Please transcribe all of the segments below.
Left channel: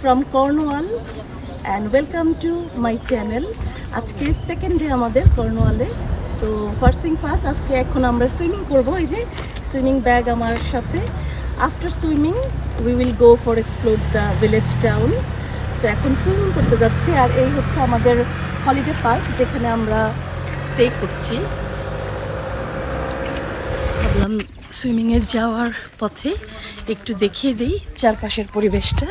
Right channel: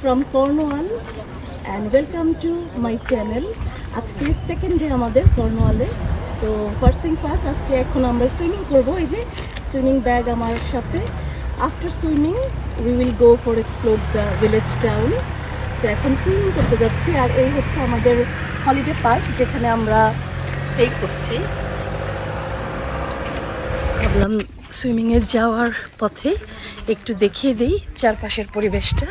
from Cornwall and welcome to my channel. আজকে second day আমাদের কর্নওয়ালে। তো ফার্স্ট থিং ফার্স্ট, আজকে এখন আমরা সুইমিং করবো। এই যে সুইমিং ব্যাগ আমার সাথে। After swimming we will go for explore the village town. So এখন সুইমিং করতে যাচ্ছি। আর এই হচ্ছে আমাদের হলিডে পার্ক, যেখানে আমরা স্টে করছি। ভাবলাম সুইমিংয়ে যাওয়ার পথে একটু দেখিয়ে দিই চারপাশের পরিবেশটা।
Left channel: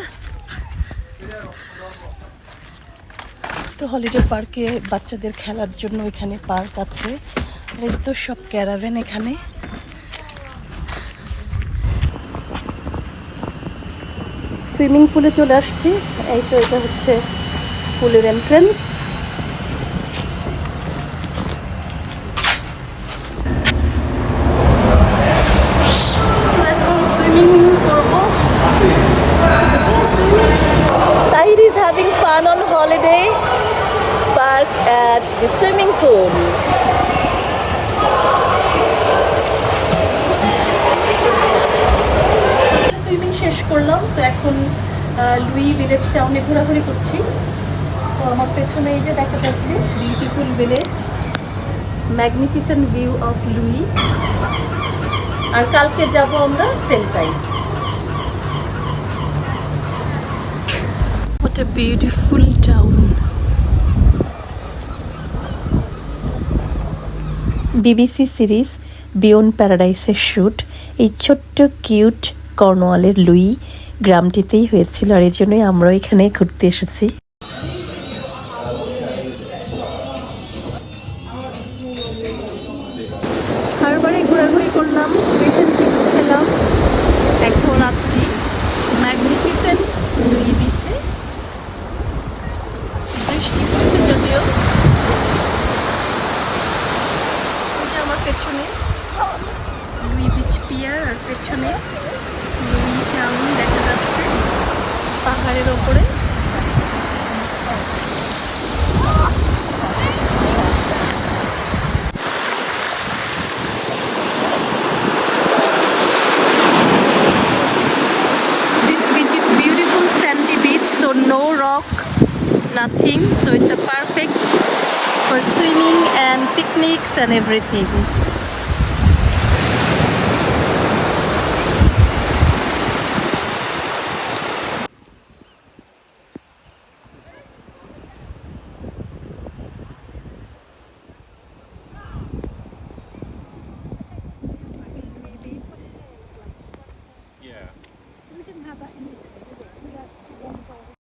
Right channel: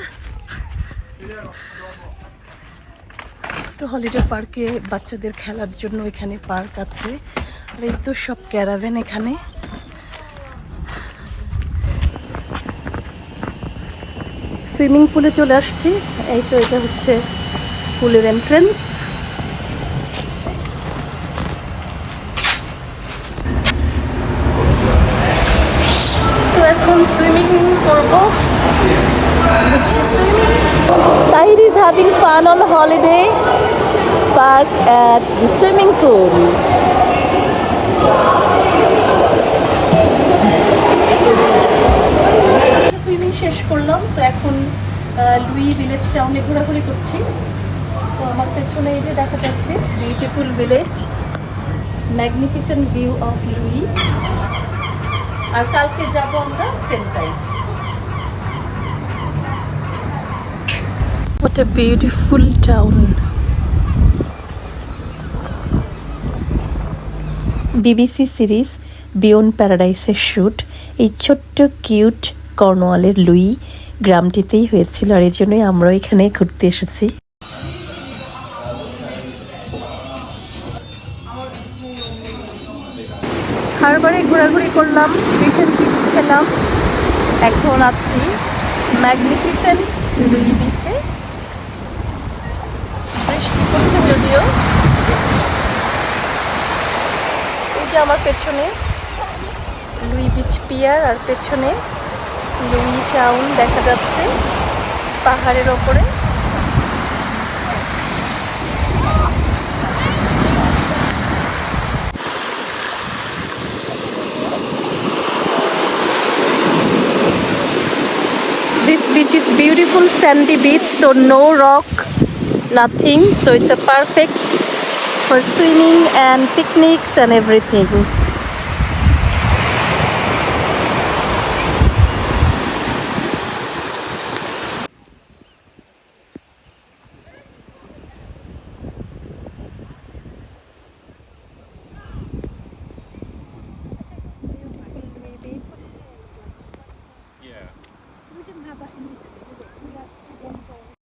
তো হলিডে পার্কে বাচ্চাদের খেলার জন্য এখানে পার্ক আছে। আর এই তো সব ক্যারাভ্যান এখানে। সুইমিং পুলে চলে আসছি। এই তো এটা হচ্ছে পুলের এন্ট্রেন্স। তো এখন সুইমিং করবো। সুইমিং শেষ করলাম, তো এখন লুই ভিলেজ টাউনে ঘোরাঘুরি করছি। তো আমার পেছনে এই যে দেখা যাচ্ছে beautiful village, magnificent view of লুই। আর কালকে যাব আমরা Saint Kitts. What a beautiful town. BBC series beyond প্যারাডাইসের শ্যুট এই ছোট্ট কিউট কর্নওয়ালের লুই গ্রামটিতেই হয়েছিল। আর এর জন্যই আমরা এখানে ঘুরতে এসেছি। হারবারে ঘোরাঘুরি করলাম, ফিশ এন্ড চিপস খেলাম। এখন আছি ম্যাগনিফিসেন্ট লুই বিচে। বৃষ্টি পড়ছে যদিও। ওই যে আমার পেছনে লুই বিচ পিয়ার, আর পেছনে লুই টাউন দেখা যাচ্ছে পাহাড়ের ওপরে। This beach is beautiful sandy beach, so no rock, nothing, so it's a perfect for swimming and picnics and everything.